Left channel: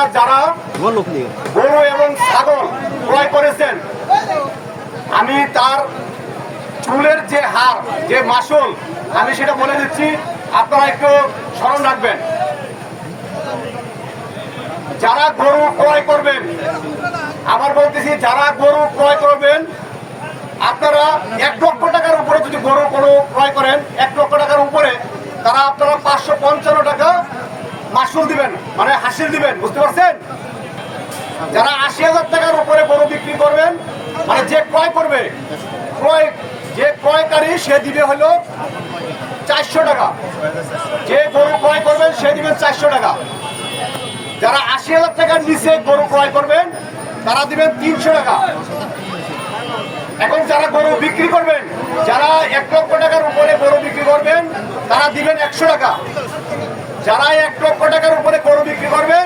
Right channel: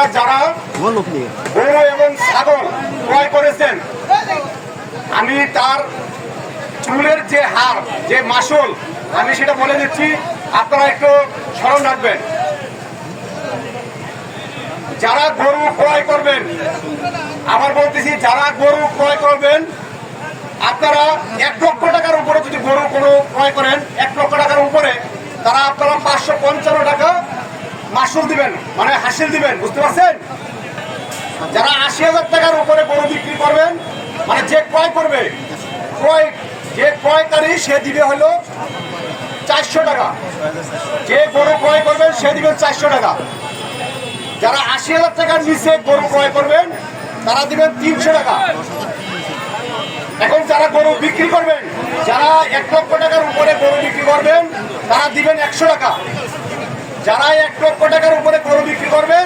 আপনারা যারা গরু এবং ছাগল ক্রয় করেছেন, আমি তার চুলের যে হার, যে মাসুল, আমি সেটা বলে দিচ্ছি, আপনারা একটু স্মরণ রাখবেন। যারা গরু ক্রয় করবেন, আবার বলতেছি, যারা গরু ক্রয় করবেন, আপনারা 1 লক্ষ টাকার উপরে যদি গরু কোনো ক্রয় করেন, 1 লক্ষ টাকার উপরে, তারা আপনারা 555 টাকা মাসুল দিবেন, মানে হাসিল দিবেন, বুঝতে পারছেন? যারা 80,000 টাকার উপরে গরু বিক্রি করবেন, মানে যে ক্রয় করবে, যে ক্রয়কারী সে দিবে হলো 400 টাকা। যে গরু ক্রয় করবেন সে দিবেন 400 টাকা। যারা 80,000 টাকার নিচে গরু ক্রয় করবেন তারা দিবেন 300 টাকা। এখন যারা গরু বিক্রি করবেন, যারা 1 লক্ষ টাকার উপরে গরু বিক্রি করবেন, তারা দিবেন 100 টাকা। যারা 1 লক্ষ টাকার উপরে গরু বিক্রি করবেন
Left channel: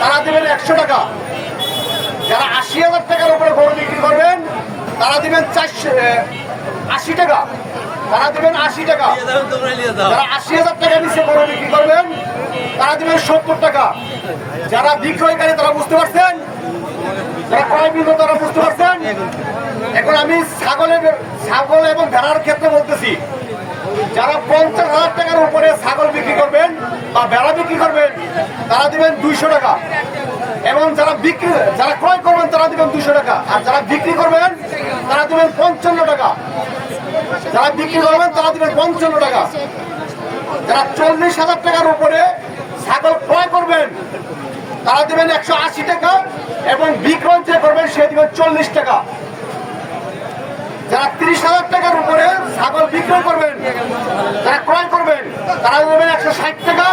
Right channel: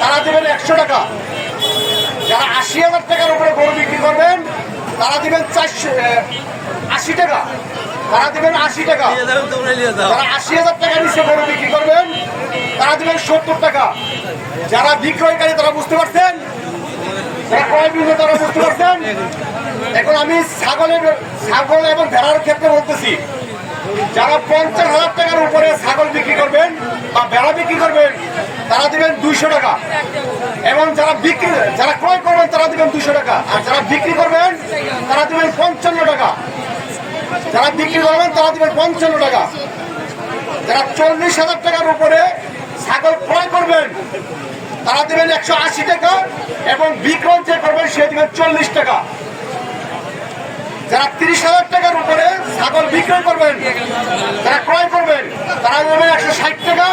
তারা দিবেন 100 টাকা। যারা 80,000 টাকার উপরে গরু বিক্রি করবেন তারা দিবেন 80 টাকা। তারা দিবেন 80 টাকা। যারা 80,000 টাকার নিচে গরু বিক্রি করবেন তারা দিবেন 70 টাকা। যারা বিক্রয়কারী তারা বুঝতে পারছেন, যারা ক্রয় বিক্রয় তারা বুঝতে পারছেন। এখন আমি ছাগল এবং ভেড়ার ক্ষেত্রে বলতেছি, যারা 50,000 টাকার উপরে ছাগল বিক্রি করবেন বা ভেড়া বিক্রি করবেন তারা দিবেন 200 টাকা। এবং যারা ক্রয় করবেন তারা দিবেন 200 টাকা। আর যারা বিক্রি করবেন তারা দিবেন 55 টাকা। যারা বিক্রি করবেন তারা দিবেন 55 টাকা। যারা 40,000 টাকার উপরে ছাগল ক্রয় করবেন তারা দিবেন 180 টাকা এবং বিক্রয় যে করবেন সে দিবেন 40 টাকা। যারা 30,000 টাকার উপরে ছাগল বিক্রয় করবেন, যারা ক্রয় করবেন তারা দেবেন 160 টাকা।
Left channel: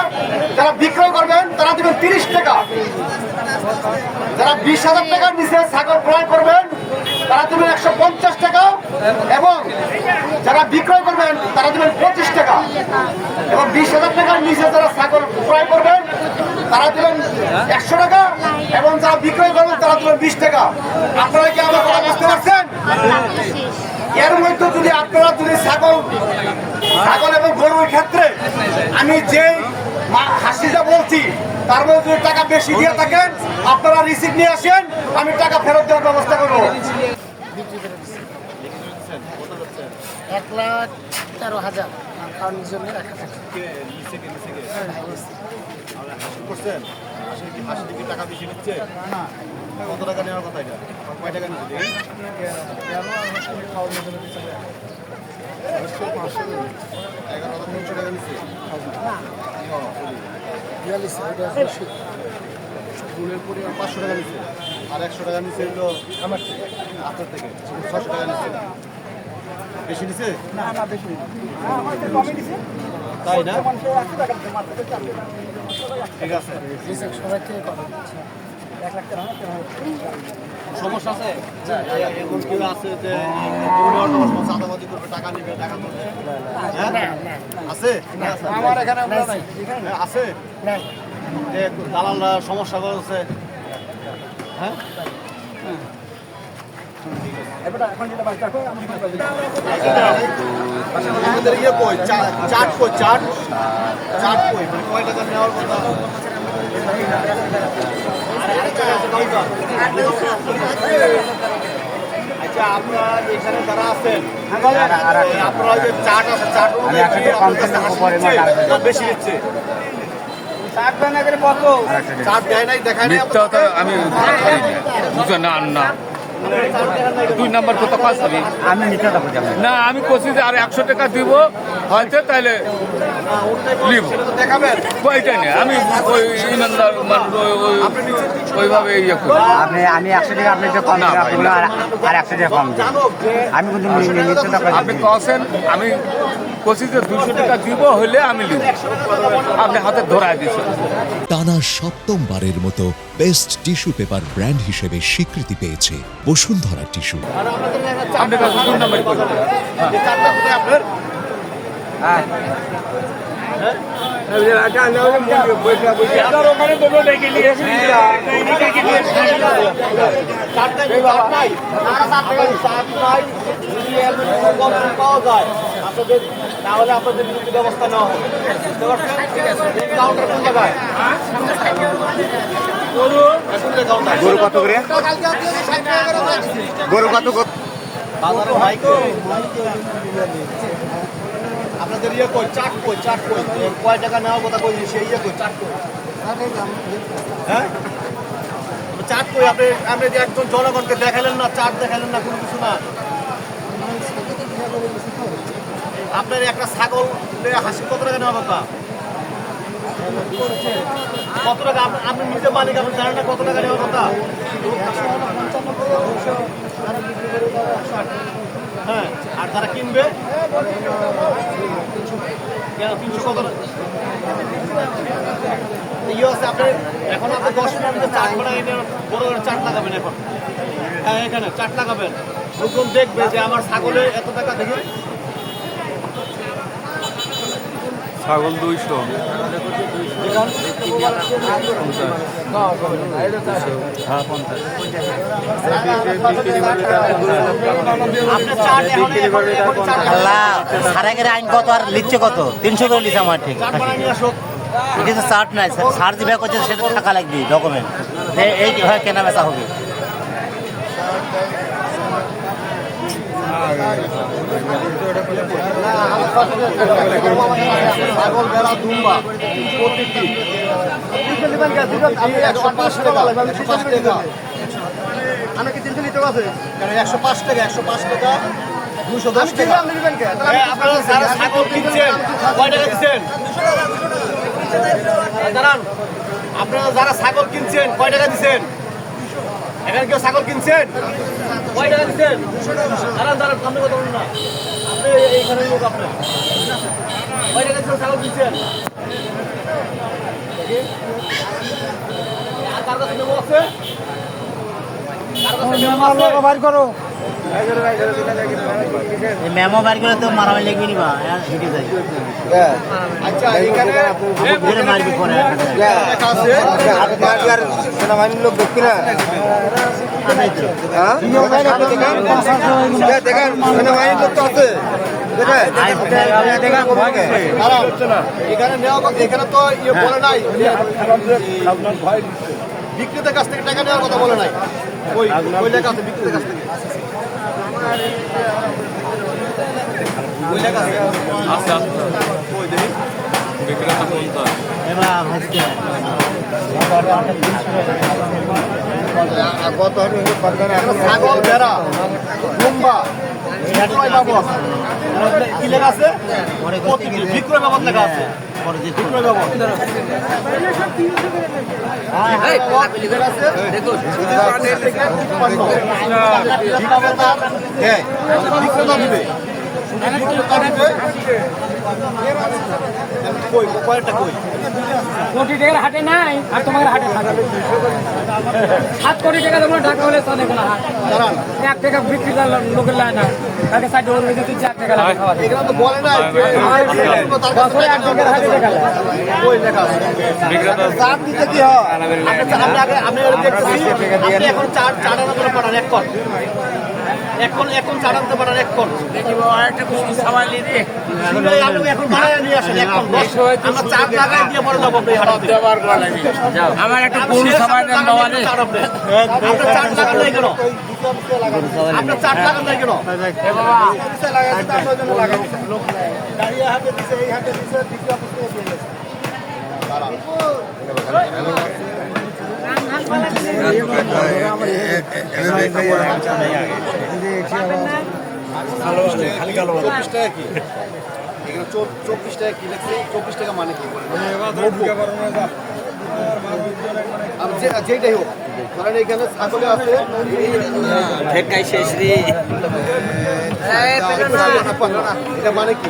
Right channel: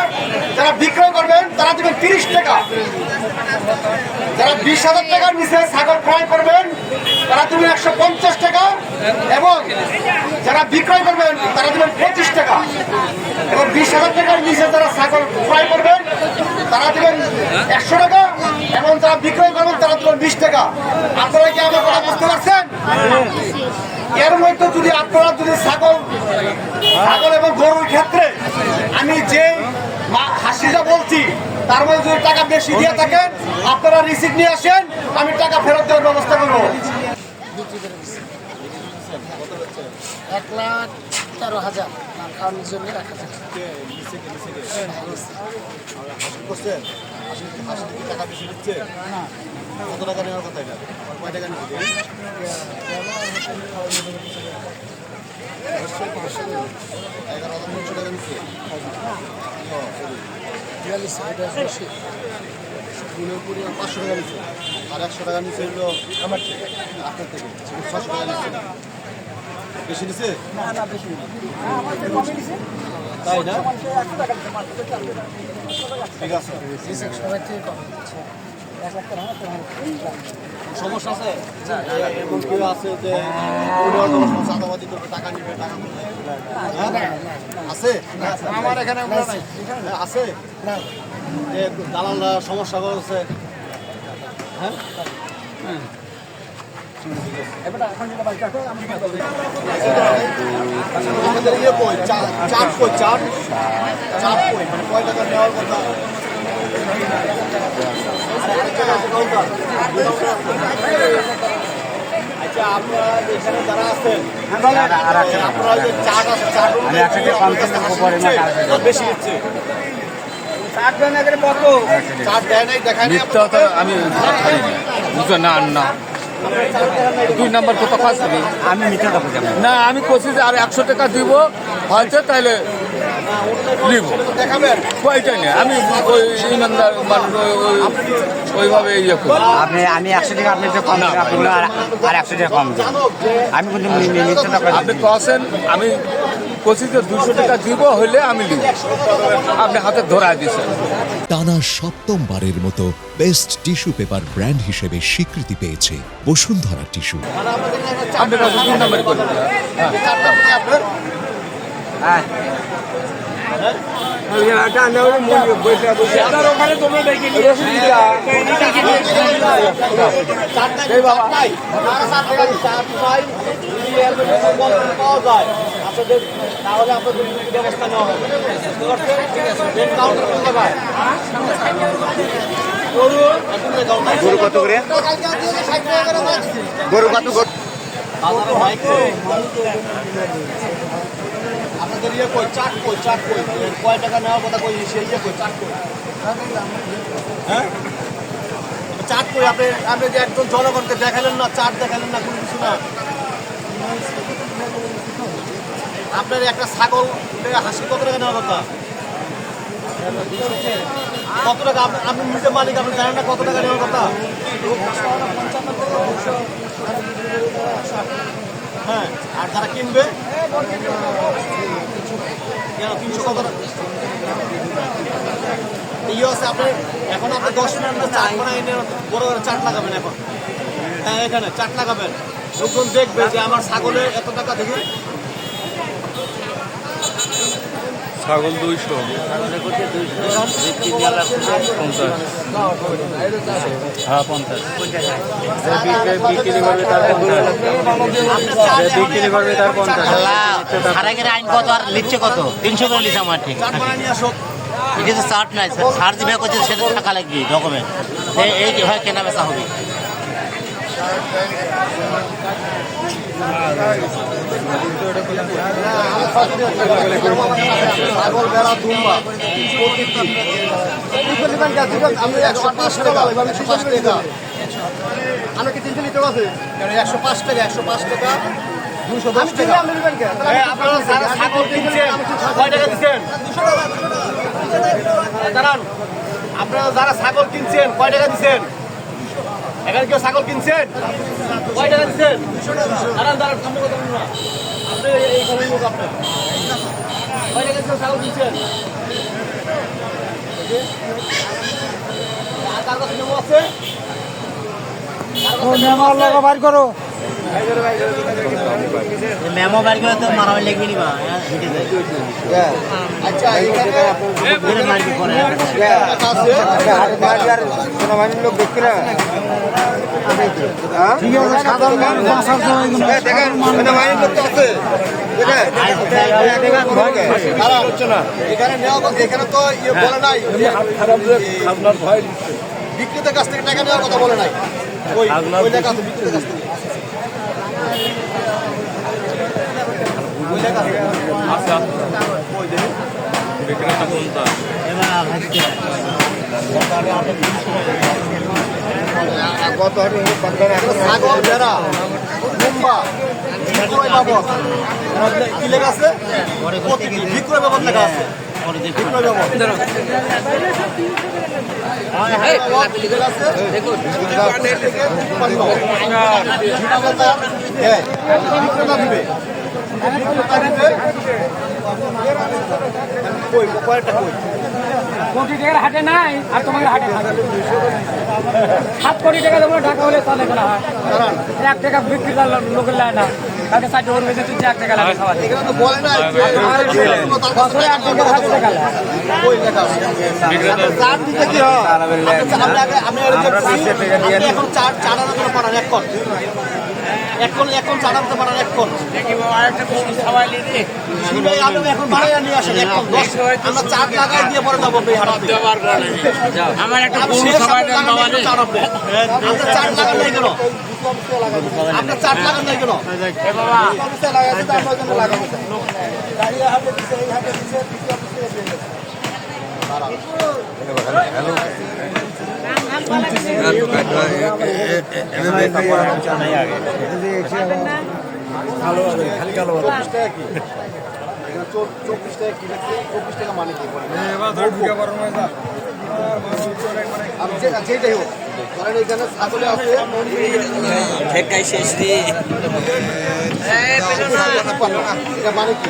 যারা বিক্রয় করবেন তারা দিবেন 30 টাকা। যারা 20,000 টাকার নিচে ছাগল ক্রয় করবেন তারা দেবেন 150 টাকা এবং যারা বিক্রয় করবেন তারা দেবেন 25 টাকা। এবং 20,000 টাকার নিচে যারা ছাগল ক্রয় করবেন তারা দেবেন 100 টাকা এবং যারা বিক্রয় করবেন তারা দেবেন 20 টাকা। আপনারা কি আমার কথা বুঝতে পারছেন? এর মধ্যে যদি আপনারা যদি ছাগল এবং গরুর ক্ষেত্রে আমি যে হাসিটা বলছি তার মধ্যে যদি টাকা বেশি দিয়ে থাকেন আপনারা রিসিপ্ট নিয়ে আসেন, আমি টাকা ফেরত দেওয়ার ব্যবস্থা করবো। 1,13,000 খাওয়ানোর জন্য রাখা থাকে। টাকা বেশি নিচ্ছে না? কত টাকা নেওয়ার কথা? এটা কয় টাকা নিচ্ছে? 11,300 টাকা নিচ্ছে। ফুলের পরিমাণ 500 টাকা নিচ্ছে আর 100 টাকা নিচ্ছে হলো আমার থেকে, আপনার থেকে 600 টাকা নিচ্ছে। বেশি নিচ্ছে? তাই না? ঠিক আছে, সমস্যা আছে? এমন কেউ আছে যে চাঁদাবাদি করবে, টাকা নিবে, টাকা করবে? আছে আছে যে দালালরা সমস্যা করছে? হ্যাঁ, আমাদের ইয়ে কই, চাট কই, চাট কই, মানে কয় টাকা নেওয়ার কথা? আচ্ছা, আপনারা এখানে যারা আছেন আপনারা যে চাট আছে, চাট বেশি নিচ্ছে? আমি দুই নম্বর কত কাজ করি আমি না, আমি করছি যে আর 100 টাকা দিব হয়তো, তাহলে নিব ওইটাই নেই। আমি ওই ইমানদার মানুষ ওইভাবে ইয়ে করি। আমি 100 টাকা আপনি কম আর 100 টাকা কম আমি কিন্তু আপনি কছেন, আমি কোচিং 200 টাকা দিব হইলে আমি দিব, আপনি হাতে ধরায় দিচ্ছেন। টানা 7মবারের মতো বেস্ট টিস্যু পেপার ব্র্যান্ড হিসেবে স্বীকৃতি পেয়েছে বসুন্ধরা টিস্যু। পাওয়া যায় আপনাদের, তাহলে আপনাদের ব্যবস্থা নেওয়া হবে। কাউন্টার কোন জায়গায়? গরু কত করে? গরু কত করে? আপনাদের ইয়ে কই চাট কই কয় টাকা নেওয়ার কথা কই সেই ইয়ে কই চাট কই হ্যাঁ চাট কই আপনি যে একজন জনগণকে দেখালেন না চাট দেখালেন না কোনো কিছু না আপনার একটা ছাগল হাসি কত টাকা নেওয়ার কথা কত টাকা আপনি নিজে মালিক আপনি জানেন না কত টাকা নেওয়ার কথা হ্যাঁ আর যারা কিনবে কেন 300 কত ইয়ে আছে আপনি এখন আপনি 10 মিনিটের মধ্যে চাট বানাই বড় করে চাট লাগাবেন এখন হ্যাঁ এখানে চাট লাগাবেন লোকজন দেখবে যে আমার ছাগলে এত টাকা দেখি ছাগল 200 সারাগের আইন কত আর লিখছে কত 300 করে লিখছে আমার ঠিক চাট বানাই নিয়ে আসো এটা তো চার্ট নাই সার দিবে করছে সেটা টাকা লাগবে ডকুমেন্ট এই হয় কেনা বেচা হবে ছাগল ভেড়া দুম্বা প্রত্যেকটি 105 টাকা 105 টাকা আমি কি 300 লিটার আছে কেন 105 টাকা 210 টাকা আপনারা যারা ছাগল কিনছেন কয় টাকা দিচ্ছেন দাঁড়ান আপনারা যারা ছাগল কিনছেন কয় টাকা দিচ্ছেন এখানে কেউ ছাগল কিনছেন কয় টাকা দিচ্ছেন দাঁড়ান সামনে কথা বলুন না আপনি এইখানে লোক আপনার কয় টাকা দিচ্ছেন ছাগল কিনছেন আর কার কাছে মেমো আছে কার কাছে মেমো আছে বাইর করো মেমো বার করে তো মারামারি লিখবি নি বা আচ্ছা এখানে লেখা আছে সেনাবাহিনীর লোক দেখতে না দেখেন সেনাবাহিনীর লোক তো আছে এখানে নেওয়া এখানে তো ইয়ে বলে নাই বিক্রেতার কাছ থেকে টাকা নেওয়ার কথা বলে নাই ওই লেখা আছে বিক্রেতার কাছ থেকে ওই লেখা আছে আচ্ছা ওই দেখি বিক্রেতা 50 ছাগল ভেড়া দুম্বা বিক্রয় বাবদ কি লেখা আছে প্রতিটি বিক্রয় বাবদ লেখা আছে বিক্রয় বাবদ বিক্রেতা দিবে কই কয়েকটা কই কোটি টাকার হাটে নাই আর তোমার হাটে 7 কোটি টাকা দেবো ঢাকা হলে চলে কোনো হাট দাঁড়ান 1 টাকা বিক্রি করলাম লোকের লায় না তাকে 60 টাকা বেশি তুই 1 টাকা লাগে খাওয়া এখানে তো বলে না তার কাছে টাকা কই লেখা আছে চার দিতে কি হয় আপনি আগে দেখতেছি আপনি এখন চার আনা করে পাঠান এখন চার আনতে পারেন 1 কোন আপনি এখন বাড়াইয়া নিয়ে আসেন 1 কোন 10 আমরা চার লাগাই দিয়ে পরে যাবো আপনি হাটে আপনার চার লাগান নাই কেন আপনার চার লাগান নাই কেন এখানে 24 টাকা কি লিখছে 24 টাকা মানে কি বলে যেটাই হোক কারণ এখানে ছাগলে আছে এটা মানে কি